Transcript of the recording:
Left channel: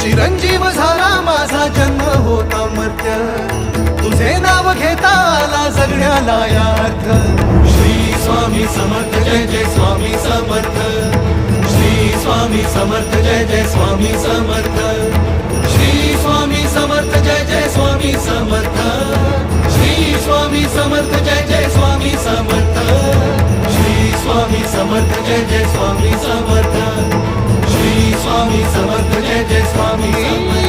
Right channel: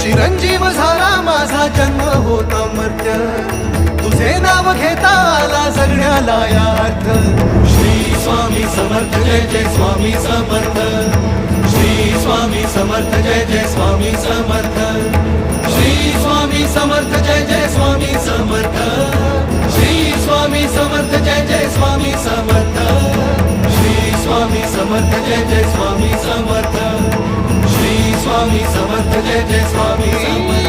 चिरंजीव झाला माझा जन्म होता मर्त्य, तुझे नाव घेता आला जगण्याला यार्थ. श्री स्वामी समर्थ जय जय स्वामी समर्थ, श्री स्वामी समर्थ जय जय स्वामी समर्थ, श्री स्वामी समर्थ जय जय स्वामी समर्थ, श्री स्वामी समर्थ जय जय स्वामी समर्थ, श्री स्वामी समर्थ जय जय स्वामी समर्थ, श्री स्वामी समर्थ जय जय स्वामी